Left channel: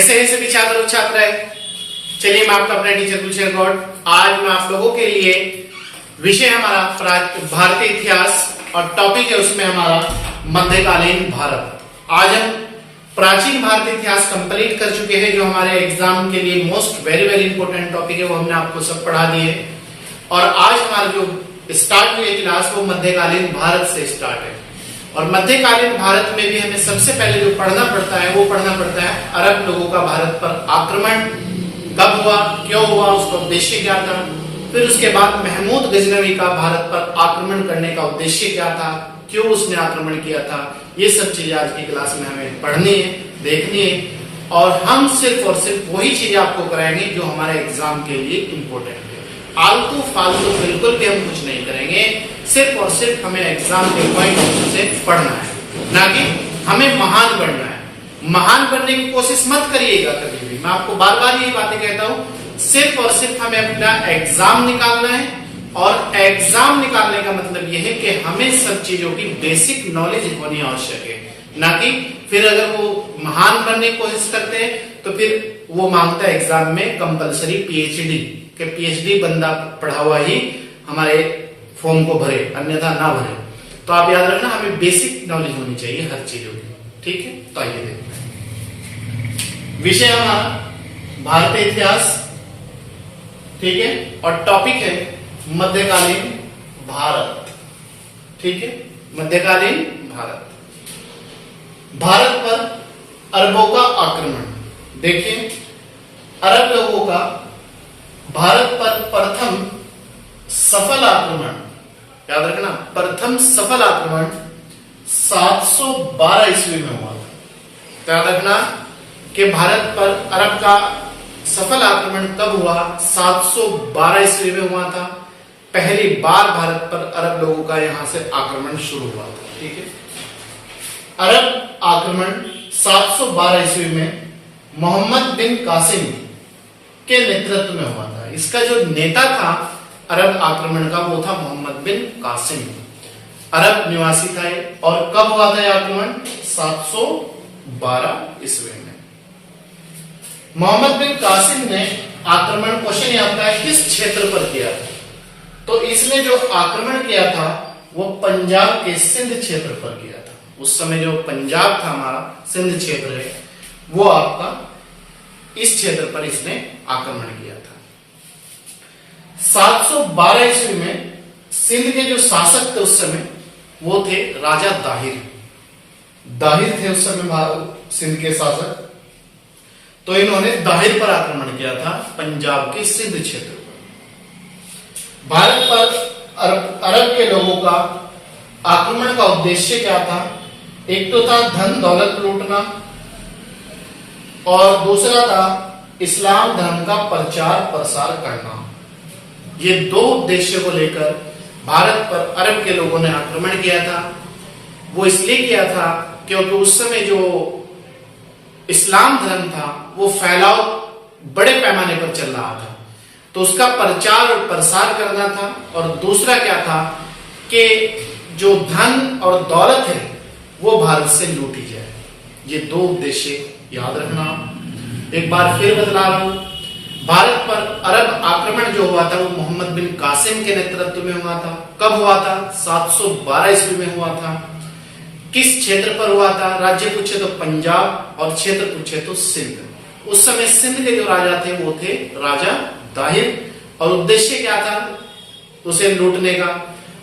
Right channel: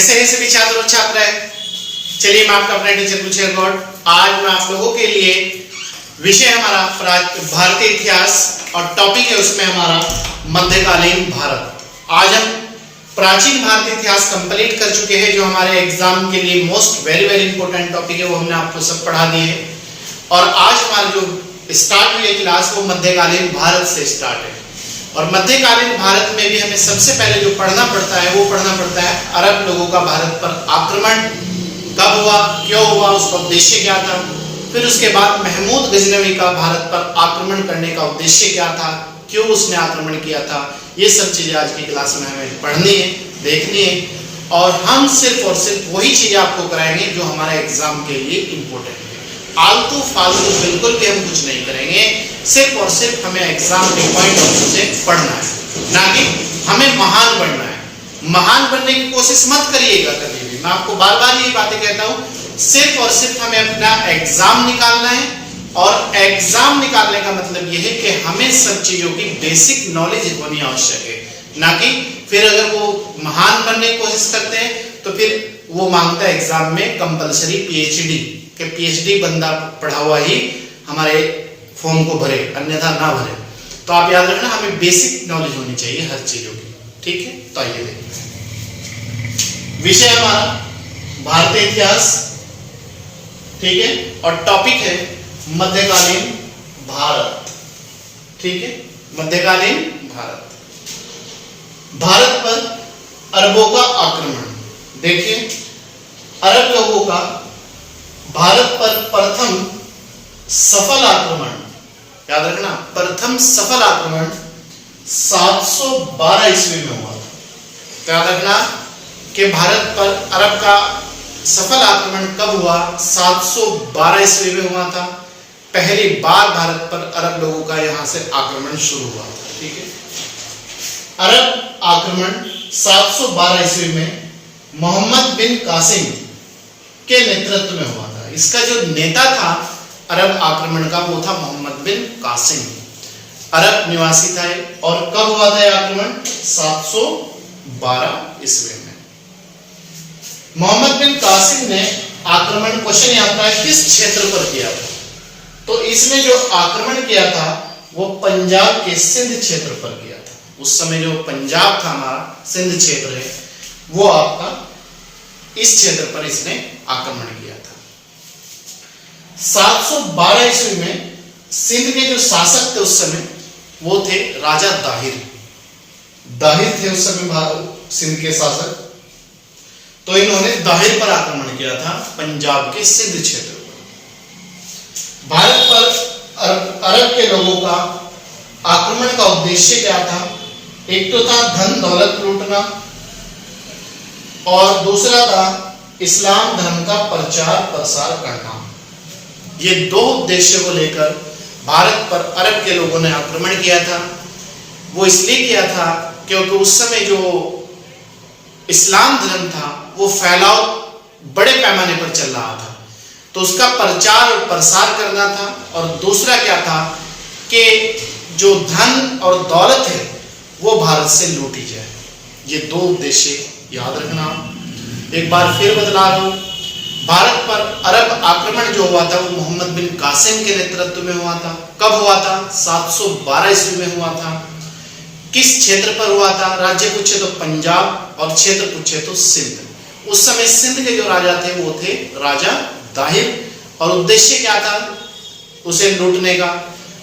कैसे हैं सभी छात्र और छात्राएं। चलिए मैं आपका अपना टीचर कुलशेखर गौड़। आज मैं आप लोगों के लिए विषय हमारा भारतीय इतिहास और टॉपिक है उसमें हमारा मध्यकालीन भारत। आज हम प्राचीन भारतीय इतिहास कंप्लीट कर चुके हैं, जो हमारे एग्जाम के लिए मोस्ट वेरी इंपॉर्टेंट टॉपिक है, वो हमने आपको सब पढ़ा दिए। और आज हमारा जो स्टार्ट हुई है क्लास वो मध्यकालीन भारत से स्टार्ट है। और मध्यकालीन भारत में भी हमें सबसे पहले जो पढ़ना पड़ता है वो पढ़ना पड़ता है अरब लोगों का भारत पर आक्रमण कब हुआ, क्यों हुआ, उसका उद्देश्य क्या था। फिर उसके बाद महमूद गजनवी का भारत पर आक्रमण करने का उद्देश्य क्या था, क्यों उसने आक्रमण किया था। ये सब चीजें आज की क्लास में हमें पढ़नी है, देखनी है। और हम सिर्फ और सिर्फ वही चीजें आपको कराएंगे जो हमारे एग्जाम के लिए इम्पोर्टेंट है। आलतू फालतू बिल्कुल भी हम कुछ नहीं करेंगे। सिर्फ और सिर्फ हमें एग्जाम के पॉइंट ऑफ व्यू से पढ़ना है, ना कि हमें महान बनना है। महान बनने की कोशिश मत करिएगा कभी भी। मैं आपको बार बार यही बातें कहता हूँ। सिर्फ और सिर्फ हमें अपना एग्जाम निकालना है। और एग्जाम निकालने का मतलब यह है कि हमें सब चीजों की बेसिक नॉलेज होनी आवश्यक है, ना कि फिर अगर वो महान बनने की कोशिश करते हैं तो फिर वो मांगता है एग्जाम में कंपलसरी पीएचडी, कि पीएचडी बंदा पढ़ा हुआ ही हमारे फॉर्म को भरे, अन्यथा ना भरे। तो आप याद रखना, हमें बेसिक नॉलेज होनी चाहिए हर चीजों की, ठीक है। तो आइए देखते हैं। विषय हमारा भारतीय इतिहास, ठीक है, और टॉपिक है मध्यकालीन भारत, ठीक है। मध्यकालीन भारत, भारत पर अरबों का आक्रमण। देखिए, अरब लोगों का भारत पर प्रथम सफल आक्रमण, याद रखना, प्रथम सफल आक्रमण 712 ईस्वी में हुआ था। तो याद रखना कि भारत पर अरब का सफल आक्रमण कब हुआ? 712 ईस्वी में हुआ था। पहली बार भारत पर अरब लोगों का यहां से आक्रमण शुरू हुआ था, ठीक है। अरब आक्रमण 712 ईस्वी में मोहम्मद बिन कासिम के नेतृत्व में हुआ था। इसका जो नेता था अरब आक्रमण का वो था मोहम्मद बिन कासिम, अरब निवासी था। और कब हुआ था यह आक्रमण? 712 ईस्वी में। मोहम्मद बिन कासिम ने आक्रमण, क्वेश्चन यह आता है किस क्षेत्र पर किया था? तो इसमें जो आक्रमण किया था वो पंजाब के सिंध क्षेत्र पर किया था। उस समय जो पंजाब था हमारा, सिंध क्षेत्र है, वो आपका इस क्षेत्र पर इसने आक्रमण किया था। 712 ईस्वी में सिंध के जो शासक थे उस समय वो थे राजा दाहिर। दाहिर थे उस समय सिंध के शासक। तो इन्होंने दाहिर पर आक्रमण किया था, पंजाब के सिंध क्षेत्र पर। भारत पर अरब के लोगों का आक्रमण का उद्देश्य क्या था? एक तो था धन दौलत लूटना, और दूसरा था इस्लाम धर्म का प्रचार प्रसार करना। ये दो उद्देश्य को लेकर भारत पर अरब के लोगों ने आक्रमण किया था। वो इसलिए किया था क्योंकि उस समय जो इस्लाम धर्म था वो फैलाव बड़े पैमाने पर चल रहा था, तो उसका प्रचार और प्रसार करना था। और दूसरा क्या था कि जो धन और दौलत है वो भारत से लूटी जाए। ये दो उद्देश्य याद रखना। एक बार फिर बतला दूं, भारत पर अरब आक्रमण जो हुआ था वो मोहम्मद बिन कासिम के नेतृत्व में हुआ था। कब हुआ था? 712 ईस्वी में हुआ था। किस क्षेत्र पर हुआ था? राज्य पूछे तो पंजाब और क्षेत्र पूछे तो सिंध। उस समय सिंध के जो राजा थे वो थे राजा दाहिर। और उद्देश्य क्या था? उसे लूटने का,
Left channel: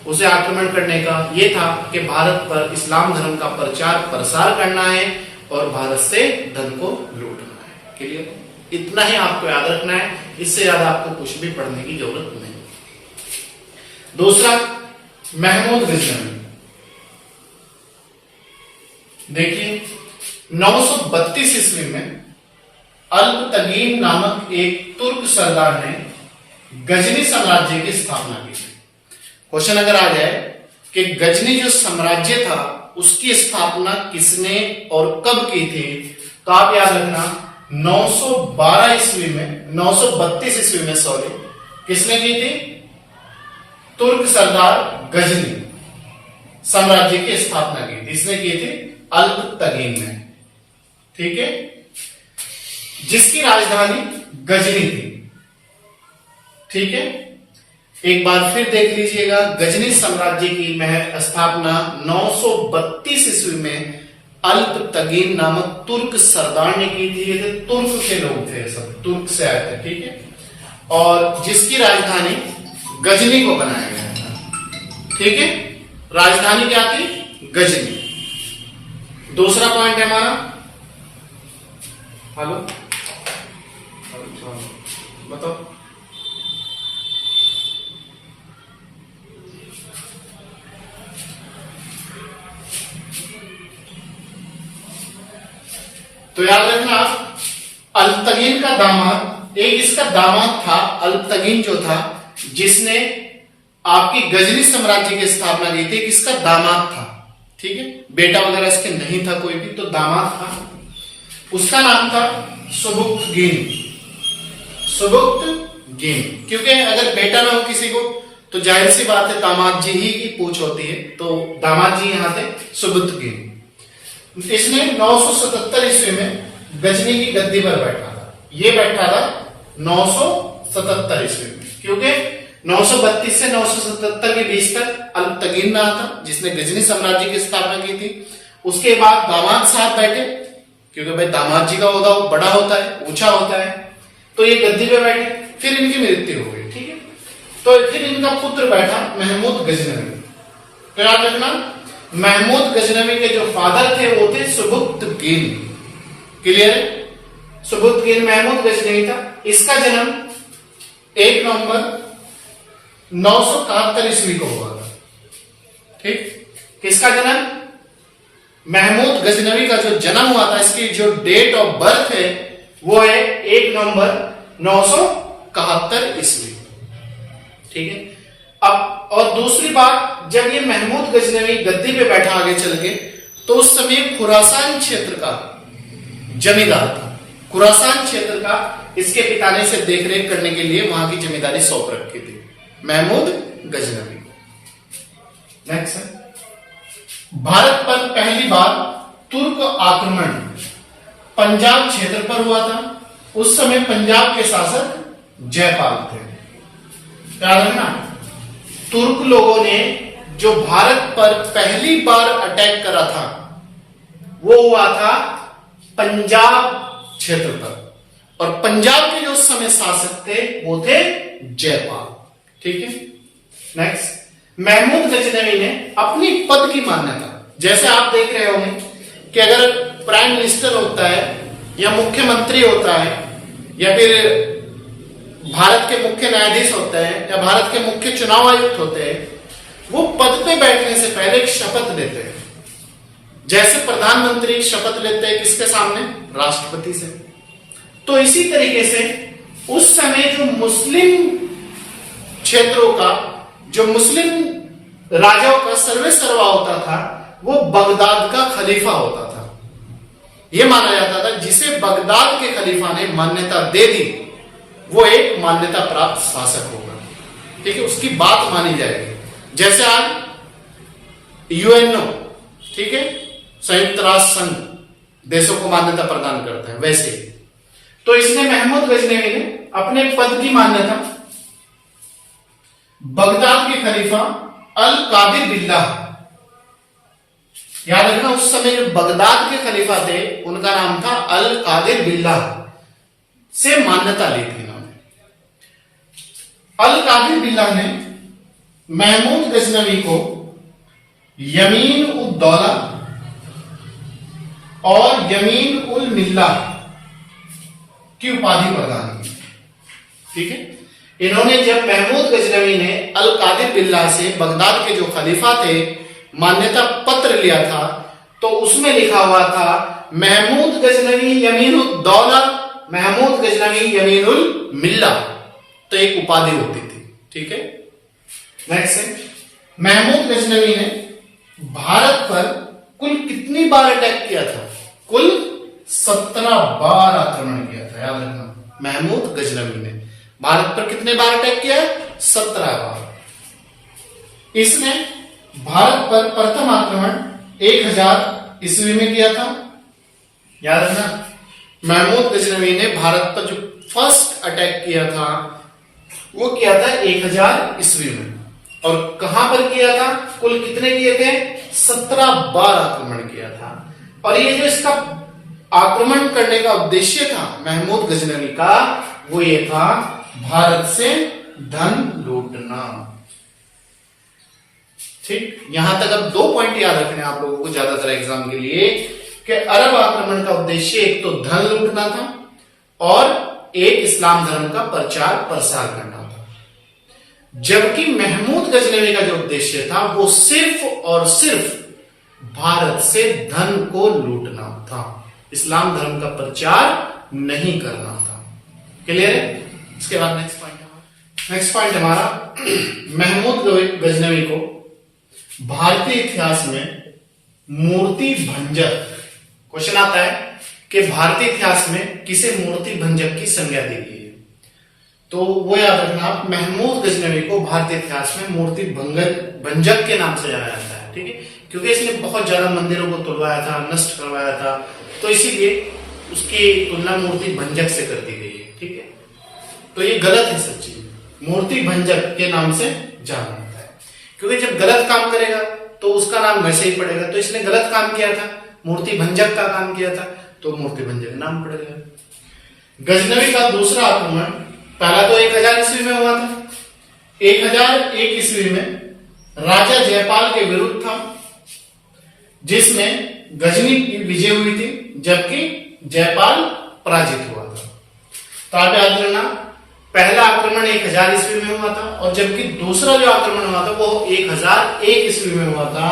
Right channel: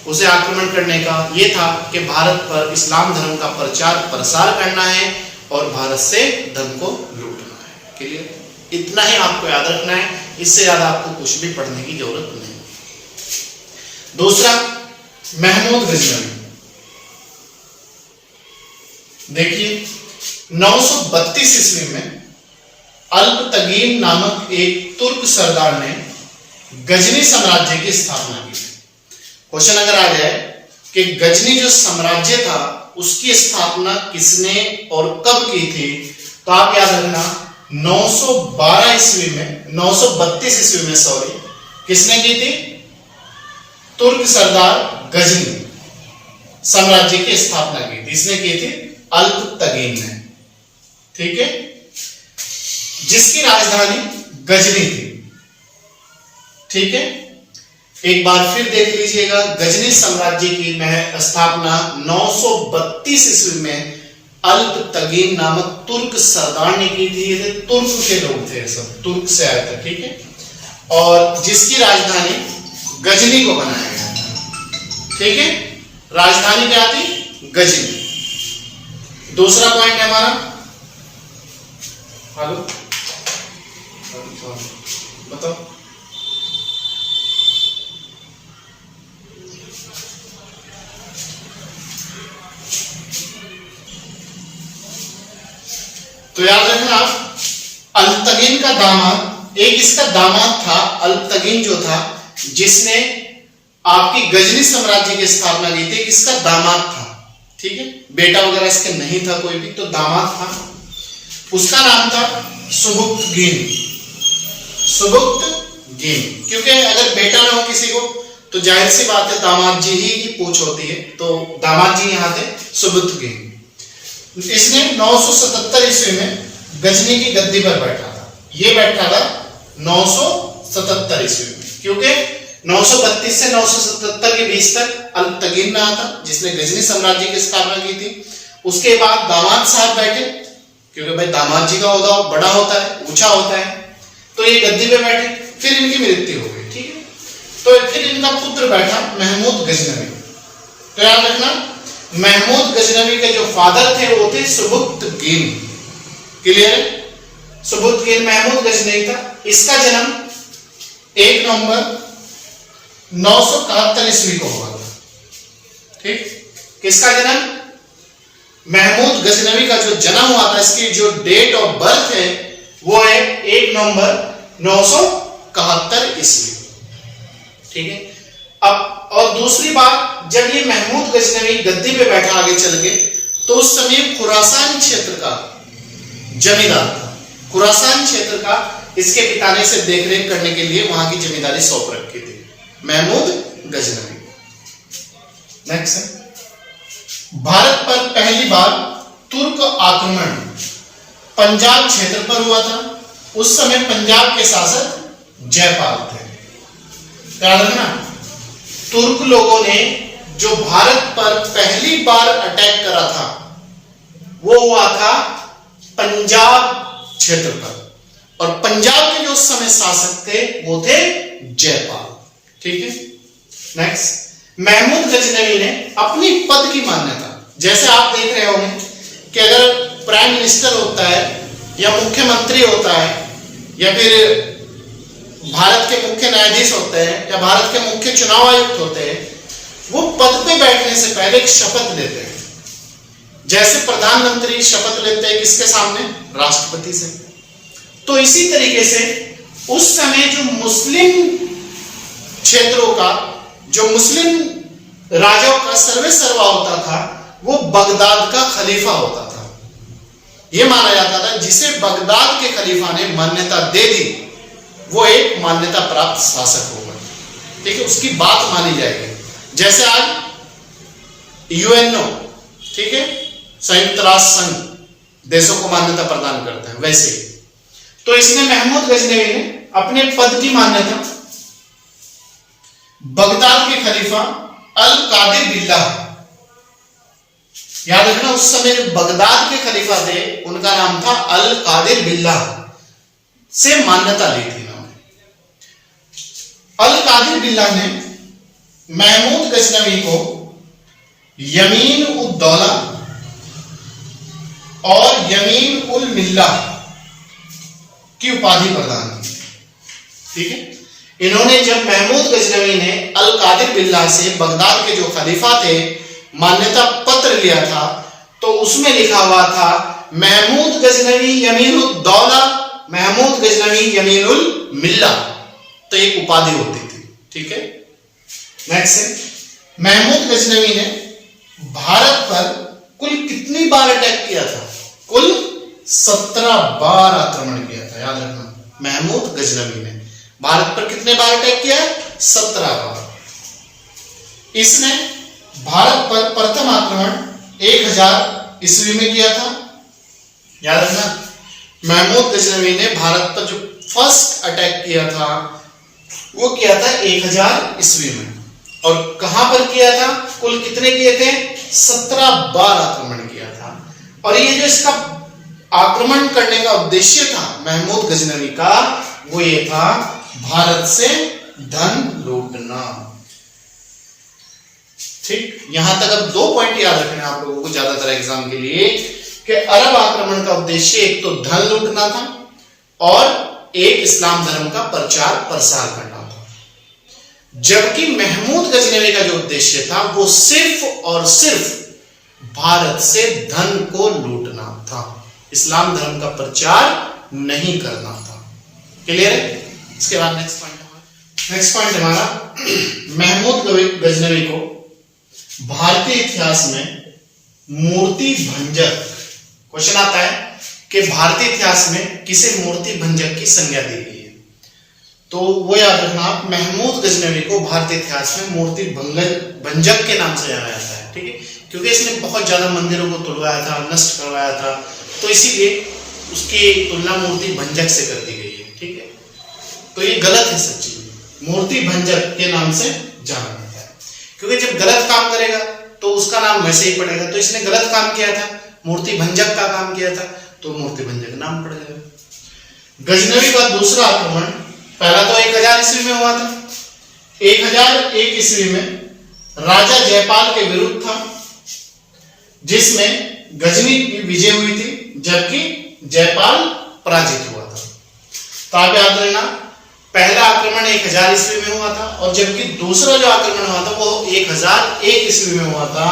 उसे आक्रमण करने का। ये था कि भारत पर इस्लाम धर्म का प्रचार प्रसार करना है और भारत से धन को लूटना है। क्लियर? इतना ही आपको याद रखना है, इससे ज्यादा आपको कुछ भी पढ़ने की जरूरत नहीं। दूसरा, महमूद गजनवी। देखिए, 932 ईस्वी में अल्पतगीन नामक एक तुर्क सरदार ने गजनी साम्राज्य की स्थापना की थी। क्वेश्चन अगर आ जाए कि गजनी जो साम्राज्य था उसकी स्थापना किसने और कब की थी, तो आप याद रखना 912 ईस्वी में, 932 ईस्वी में सॉरी, किसने की थी? तुर्क सरदार गजनी साम्राज्य की स्थापना की थी। इसने की थी अल्पतगीन ने, ठीक है। जिसकी राजधानी गजनी थी। ठीक है, एक बार फिर देख लीजिएगा, गजनी साम्राज्य की स्थापना 932 ईस्वी में अल्पतगीन नामक तुर्क सरदार ने की थी। ये तुर्क के लोग थे, सब तुर्क से आए थे। ठीक है, और जिसकी राजधानी गजनी को बनाया गया था। ठीक है, राजधानी क्या थी? गजनी। दूसरा पॉइंट है हमारा, हेलो बताओ। तो याद रखना, अल्पतगीन का दामाद, एक इसका दामाद था अल्पतगीन जो था, जिसने आपकी गजनी साम्राज्य की स्थापना की थी, किसका दामाद था। ठीक है, बेटा वगैरह इसके नहीं था कोई भी, तो दामाद था, उसका नाम था सुबुक्तगीन। सुबुक्तगीन, क्योंकि अगर बेटा ना हो किसी को तो जाहिर सी बात है दामाद जी ही की पूछ होती है, तो दामाद जी यहाँ थे सुबुक्तगीन। इसने 977 ईस्वी में गजनी की गद्दी पर बैठा था। ये बैठा था 977 ईस्वी में, क्योंकि 932 से 977 के बीच तक अल्पतगीन रहा था, जिसने गजनी साम्राज्य की स्थापना की थी। उसके बाद दामाद साहब बैठे, क्योंकि भाई दामाद जी का होगा बड़ा होता है, ऊंचा होता है, तो ये गद्दी पे बैठे, फिर इनकी मृत्यु हो गई। ठीक है, तो फिर इनका पुत्र बैठा महमूद गजनवी। तो याद रखना, महमूद गजनवी के जो फादर थे वो थे सुबुक्तगीन। क्लियर है? सुबुक्तगीन महमूद गजनवी था। इसका जन्म 1 नवंबर 971 ईस्वी को हुआ था। ठीक, किसका जन्म? महमूद गजनवी का जो जन्म हुआ था, इसकी जो डेट ऑफ बर्थ है वो है 1 नवंबर 971 ईस्वी। ठीक है, अब और दूसरी बात, जब ये महमूद गजनवी गद्दी पे बैठा आगे चल के, तो उस समय खुरासान क्षेत्र का जमींदार था। खुरासान क्षेत्र का इसके पिता ने से देखरेख करने के लिए वहां की जमींदारी सौंप रखी थी, महमूद गजनवी। नेक्स्ट है, भारत पर पहली बार तुर्क आक्रमण पंजाब क्षेत्र पर हुआ था। उस समय पंजाब के शासक जयपाल थे। याद रखना, तुर्क लोगों ने जो भारत पर पहली बार अटैक करा था वो हुआ था पंजाब क्षेत्र पर, और पंजाब के जो उस समय शासक थे वो थे जयपाल। ठीक है, नेक्स्ट, महमूद गजनवी ने अपनी पद की मान्यता, जैसे आप देख रहे होंगे कि अगर प्राइम मिनिस्टर होता है या मुख्यमंत्री होता है या फिर भारत के मुख्य न्यायाधीश होते हैं या भारत के मुख्य चुनाव आयुक्त होते हैं, वो पद पे बैठने से पहले एक शपथ लेते हैं। जैसे प्रधानमंत्री शपथ लेते हैं किसके सामने? राष्ट्रपति से। तो इसी तरीके से उस समय जो मुस्लिम क्षेत्रों का, जो मुस्लिम राजाओं का सर्वे सर्वा होता था, वो बगदाद का खलीफा होता था। यह माना जाता था जिसे बगदाद के खलीफा ने मान्यता दे दी वो एक मान्यता प्राप्त शासक होगा। ठीक है, उसकी बात मानी जाएगी। जैसे आज यूएनओ, ठीक है, संयुक्त राष्ट्र संघ देशों को मान्यता प्रदान करता है, वैसे ही तो इसने महमूद गजनवी ने अपने पद की मान्यता बगदाद के खलीफा अल कादिर बिल्लाह, याद रखना उस समय जो बगदाद के खलीफा थे उनका नाम था अल कादिर बिल्लाह, से मान्यता ली थी। अल कादिर बिल्लाह ने महमूद गजनवी को यमीन उद दौला और यमीन उल मिल्ला की उपाधि प्रदान की। ठीक है, इन्होंने जब महमूद गजनवी ने अल कादिर बिल्लाह से बगदाद के जो खलीफा थे मान्यता पत्र लिया था, तो उसमें लिखा हुआ था महमूद गजनवी यमीन उद दौला, महमूद गजनवी यमीन उल मिल्ला, तो एक उपाधि होती थी। ठीक है, नेक्स्ट है, महमूद गजनवी ने भारत पर कुल कितनी बार अटैक किया था? कुल 17 बार आक्रमण किया था। याद रखना, महमूद गजनवी ने भारत पर कितने बार अटैक किया? 17 बार। इसने भारत पर प्रथम आक्रमण 1000 ईस्वी में किया था। याद रखना, महमूद गजनवी ने भारत पर जो फर्स्ट अटैक किया था वो किया था 1000 ईस्वी में। और कहां पर किया था? कुल कितने किए थे? 17 बार आक्रमण किया था। और ये जो इसका आक्रमण करने का उद्देश्य था महमूद गजनवी का, वो ये था भारत से धन लूटना। ठीक, यहां तक अब 2 पॉइंट याद रखने आप लोगों को ज्यादातर एग्जाम के लिए कि अरब आक्रमण का उद्देश्य एक तो धन लूटना था और एक इस्लाम धर्म का प्रचार प्रसार करना था। जबकि महमूद गजनवी का जो उद्देश्य था वो सिर्फ और सिर्फ भारत से धन को लूटना था, इस्लाम धर्म का प्रचार नहीं करना था। क्लियर है? इसके बाद नेक्स्ट पॉइंट हमारा महमूद गजनवी को भारतीय इतिहास में मूर्ति भंजक, क्वेश्चन आता है कि भारतीय इतिहास में किसे मूर्ति भंजक की संज्ञा दी गई है? तो वो याद रखना आप, महमूद गजनवी को भारतीय इतिहास में मूर्ति भंजक के नाम से जाना जाता है। ठीक है, क्योंकि इसने बहुत ज्यादा मंदिरों को तोड़वाया था, नष्ट करवाया था, तो इसीलिए उसकी तुलना मूर्ति भंजक से कर दी गई है। ठीक है, तो ये गलत है सब चीज, मूर्ति भंजक के नाम से जाना जाता है, क्योंकि जब गलत काम करेगा तो उसका नाम वैसे ही पड़ेगा। तो इसने गलत काम किया था, मूर्ति भंजक का काम किया था, तो मूर्ति भंजक नाम पड़ गया। गजनवी का दूसरा आक्रमण, पहला तो 1000 ईस्वी में हुआ था। 1001 ईस्वी में राजा जयपाल के विरुद्ध था, जिसमें गजनी की विजय हुई थी, जबकि जयपाल पराजित हुआ था। तो आप याद रखना, पहला आक्रमण 1000 ईस्वी में हुआ था और जबकि दूसरा जो आक्रमण हुआ था वो 1001 ईस्वी में हुआ था।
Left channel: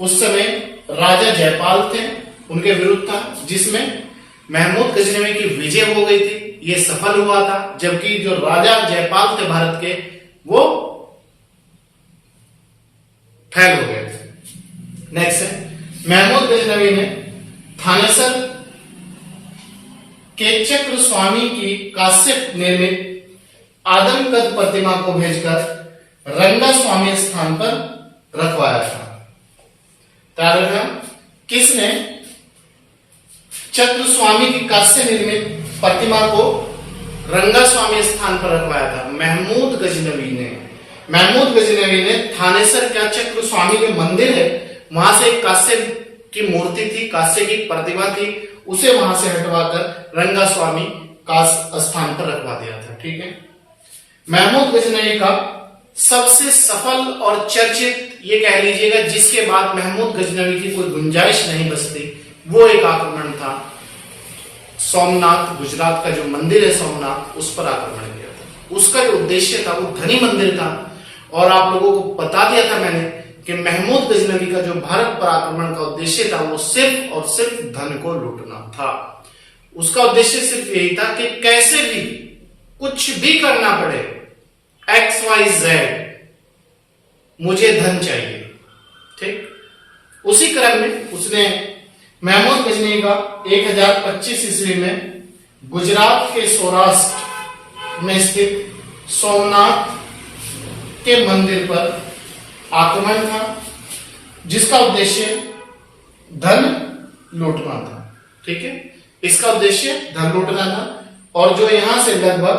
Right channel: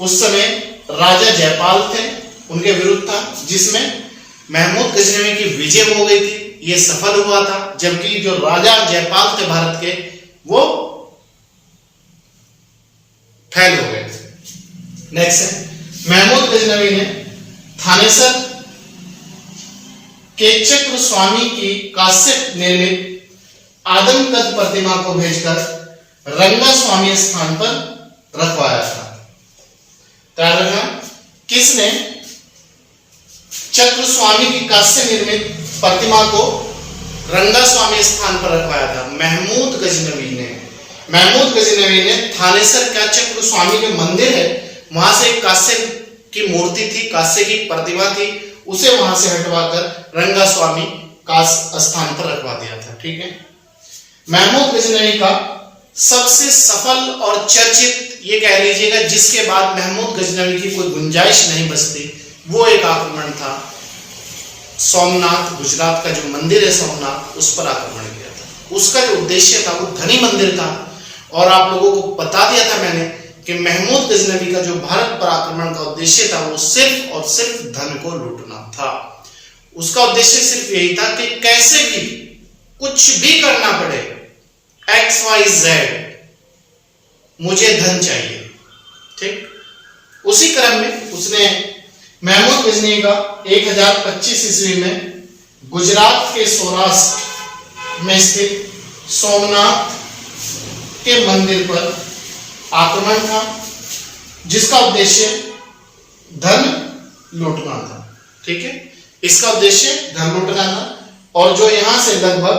उस समय राजा जयपाल थे, उनके विरुद्ध था, जिसमें महमूद गजनवी की विजय हो गई थी, ये सफल हुआ था। जबकि जो राजा जयपाल थे भारत के, वो फेल हो गए थे। नेक्स्ट है, महमूद गजनवी ने थानेसर के चक्र स्वामी की काश्य निर्मित आदमकद प्रतिमा को भेजकर रंगा स्वामी स्थान पर रखवाया था। किसने चक्र स्वामी की काश्य निर्मित प्रतिमा को रंगा स्वामी स्थान पर रखवाया था? महमूद गजनवी ने। महमूद गजनवी ने थानेसर का चक्र स्वामी जो मंदिर है वहां से एक कांस्य की मूर्ति थी, कांस्य की प्रतिमा थी, उसे वहां से हटवाकर रंगा स्वामी का स्थान पर रखवा दिया था। ठीक है, महमूद गजनवी का सबसे सफल और चर्चित, ये कह लीजिएगा जिसके बाद महमूद गजनवी की कोई गुंजाइश नहीं बचती, वो एक आक्रमण था सोमनाथ, गुजरात का जो मंदिर है सोमनाथ, उस पर आक्रमण किया था। उसका जो उद्देश्य था वो धनी मंदिर था, और आप लोगों को बता दिया था मैंने कि महमूद गजनवी का जो भारत पर आक्रमण का उद्देश्य था वो सिर्फ और सिर्फ धन को लूटना था। उसका उद्देश्य सिर्फ यही था कि कैसे भी कुछ भी करना पड़े, XYZ, मुझे धन चाहिए। ठीक, उसी क्रम में उसने महमूद गजनवी का 1025 ईस्वी में गुजरात के सौराष्ट्र में स्थित सोमनाथ के मंदिर पर आक्रमण था, जिसका उद्देश्य धन लूटना था। ठीक है, इसका उद्देश्य धन लूटना था, और जो यहां से लगभग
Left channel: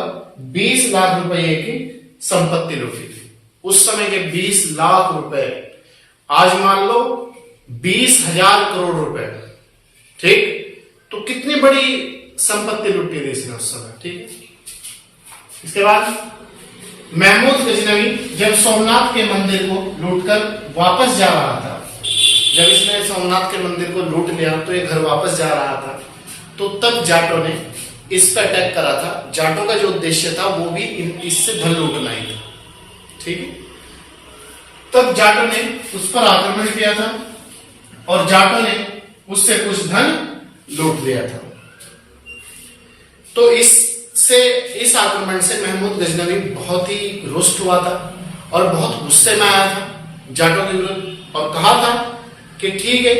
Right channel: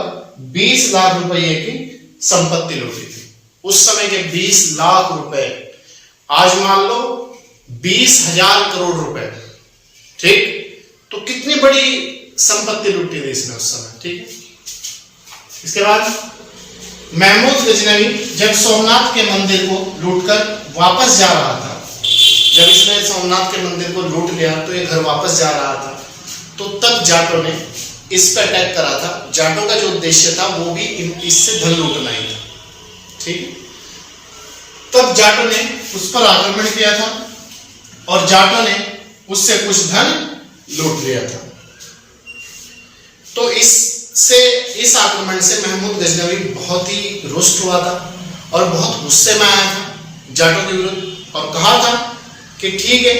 20 लाख रुपए की संपत्ति लूटी थी। उस समय के 20 लाख रुपए, आज मान लो 20,000 करोड़ रुपए। ठीक, तो कितनी बड़ी संपत्ति लूटी थी इसने उस समय। ठीक है, इसके बाद महमूद गजनवी जब सोमनाथ के मंदिर को लूटकर वापस जा रहा था, जब इसने सोमनाथ के मंदिर को लूट लिया तो ये घर वापस जा रहा था, तो तब जाटों ने इस पर अटैक करा था। जाटों का जो उद्देश्य था वो भी इससे धन लूटना ही था। ठीक है, तब जाटों ने उस पर आक्रमण किया था और जाटों ने उससे कुछ धन लूट लिया था। तो इस आक्रमण से महमूद गजनवी बहुत ही रुष्ट हुआ था और बहुत गुस्से में आया था जाटों के विरुद्ध, और कहा था कि ठीक है,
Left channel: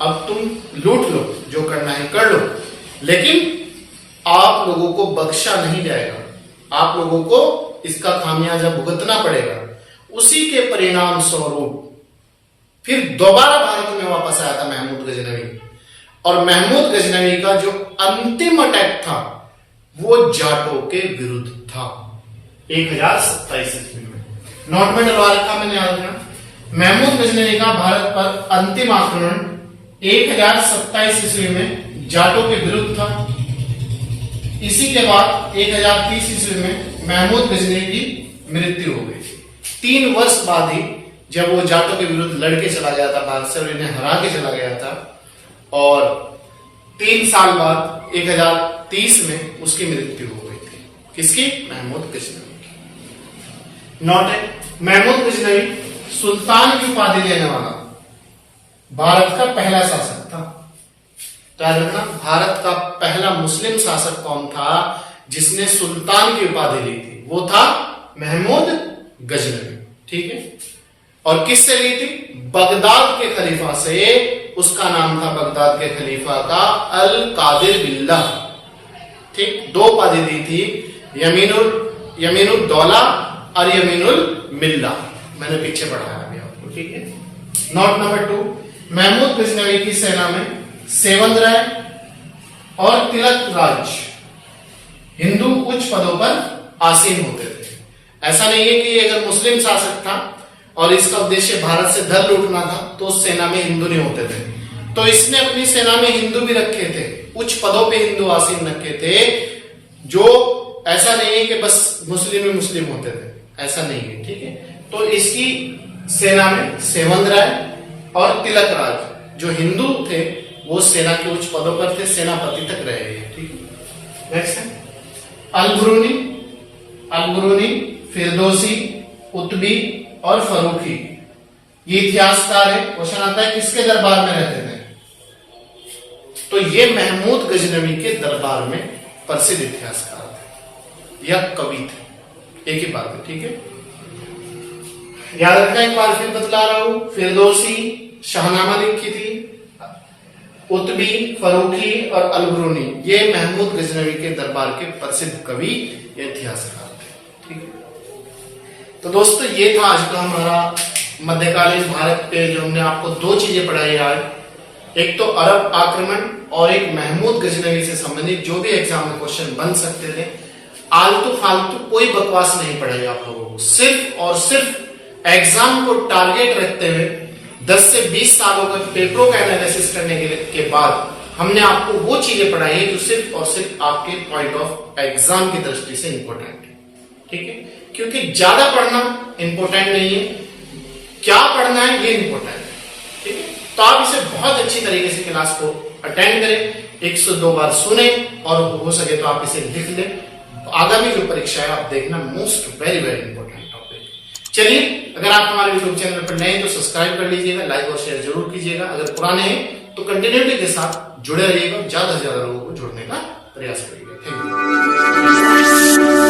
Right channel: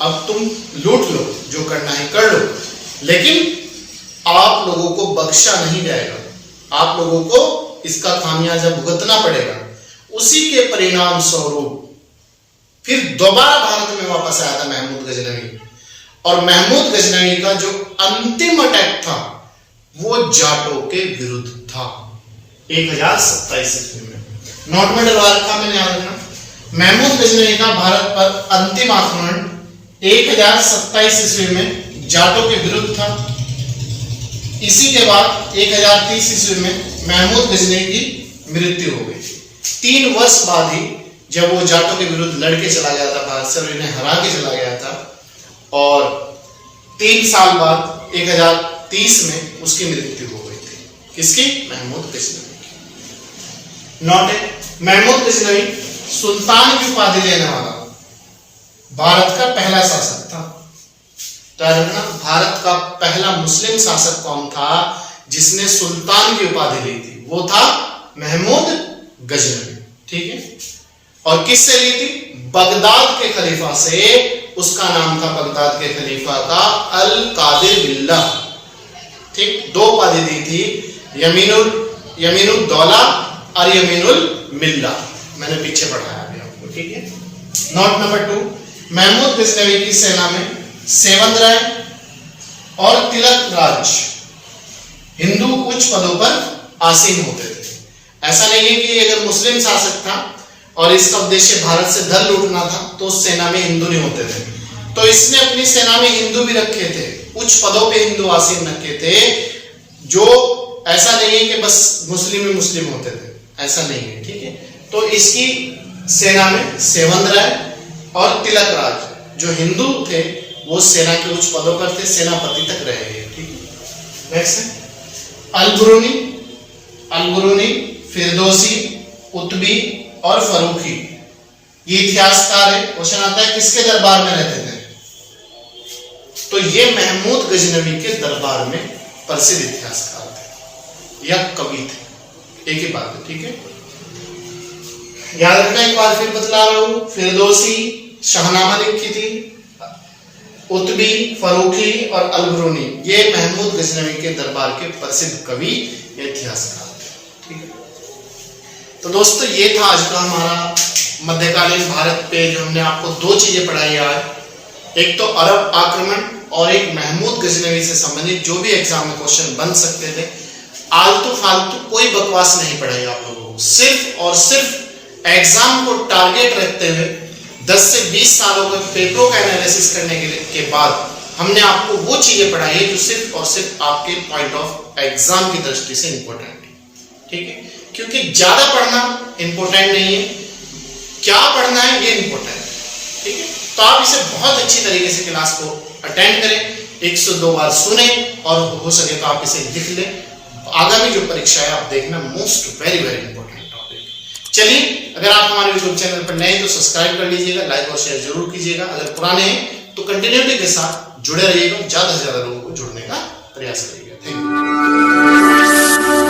अब तुम लूट लो, जो करना है कर लो, लेकिन आप लोगों को बख्शा नहीं जाएगा, आप लोगों को इसका खामियाजा भुगतना पड़ेगा। उसी के परिणाम स्वरूप फिर दोबारा भारत में वापस आया था महमूद गजनवी, और महमूद गजनवी का जो अंतिम अटैक था वो जाटों के विरुद्ध था 1027 ईस्वी में। नोट में डलवा रखा मैंने, याद रखना। महमूद गजनवी का भारत पर अंतिम आक्रमण 1027 ईस्वी में जाटों के विरुद्ध था। इसी के बाद 1030 ईस्वी में महमूद गजनवी की मृत्यु हो गई। 3 वर्ष बाद ही जब वो जाटों के विरुद्ध लड़के चला गया था भारत से और इन्हें हरा के चला गया था, और 3 साल बाद 1030 में उसकी मृत्यु हो गई थी। किसकी? महमूद गजनवी की। नोट है, महमूद गजनवी सुल्तान की उपाधि लेने वाला भारत का पहला शासक था। तो याद रखना, भारत का पहला मुस्लिम शासक कौन था जिसने सुल्तान की उपाधि ली थी? वो था महमूद गजनवी। ठीक है, और किससे ली थी? बगदाद के खलीफा से। उसका नाम था बगदाद के खलीफा का अल कादिर बिल्ला। ठीक, 2 उपाधि दी थी, यमीनुल दौला और यमीनुल मिल्ला। मैंने पीछे पढ़ाया अभी आपको। ठीक है, नोट नंबर 2, महमूद गजनवी की सेना में सेवंद राय और तिलक राज हिंदू उच्च पदों पर आसीन होते थे। ऐसा नहीं है कि अगर मुस्लिम शासक था और इसका उद्देश्य भारत से धन लूटना था तो उस सेना में हिंदू नहीं होते थे। तो इसने अपनी सेना में हिंदू भी रखे थे, उच्च पदों पे हिंदू आसीन रखे थे। जो ऐसा नहीं है कि बस मुस्लिम ही मुस्लिम होते थे, ऐसा नहीं है। ठीक है, तो इसकी सेना में सेवंद राय और तिलक राज जो हिंदू थे वो सेना के उच्च पदों पर थे, सेनापति तक रहे हैं। ठीक है, नेक्स्ट है अलबरूनी, फिरदौसी, कुतुबी और फरूखी। ये इतिहासकार है। क्वेश्चन आता है किसके दरबार में रहते थे? तो ये महमूद गजनवी के दरबार में प्रसिद्ध इतिहासकार थे या कवि थे, एक ही बात है। ठीक है, याद रखना, एक बार फिर बतला रहा हूं। फिरदौसी शाहनामा लिखी थी, कुतुबी, फरूखी और अलबरूनी ये महमूद गजनवी के दरबार के प्रसिद्ध कवि या इतिहासकार थे। ठीक है, तो दोस्तों ये था आज का हमारा मध्यकालीन भारत पे जो हमने आपको 2 चीजें पढ़ाई आज। एक तो अरब आक्रमण और एक महमूद गजनवी से संबंधित जो भी एग्जाम में क्वेश्चन बन सकते थे। आलतू फालतू कोई बकवास नहीं पढ़ाई आप लोगों को, सिर्फ और सिर्फ एग्जाम को टारगेट रखते हुए 10 से 20 सालों का पेपरों का एनालिसिस करने के बाद हमने आपको वो चीजें पढ़ाई है जो सिर्फ और सिर्फ आपके पॉइंट ऑफ एग्जाम की दृष्टि से इंपॉर्टेंट है। ठीक है, क्योंकि ज्यादा पढ़ना इंपॉर्टेंट नहीं है, क्या पढ़ना है ये इंपॉर्टेंट है। ठीक है, तो आप इसे बहुत अच्छी तरीके से क्लास को अटेंड करें, 102 बार सुने और हो सके तो आप इसे लिख लें। आगामी जो परीक्षा है आप देखना, most very very important topic. चलिए, अगर आप हमारे यूट्यूब चैनल पर नए हैं तो सब्सक्राइब कर लीजिएगा, लाइक और शेयर जरूर कीजिएगा। अगर पुराने हैं तो कंटिन्यूटी के साथ जुड़े रहिएगा, ज्यादा से ज्यादा लोगों को जुड़ने का प्रयास करिएगा। Thank you.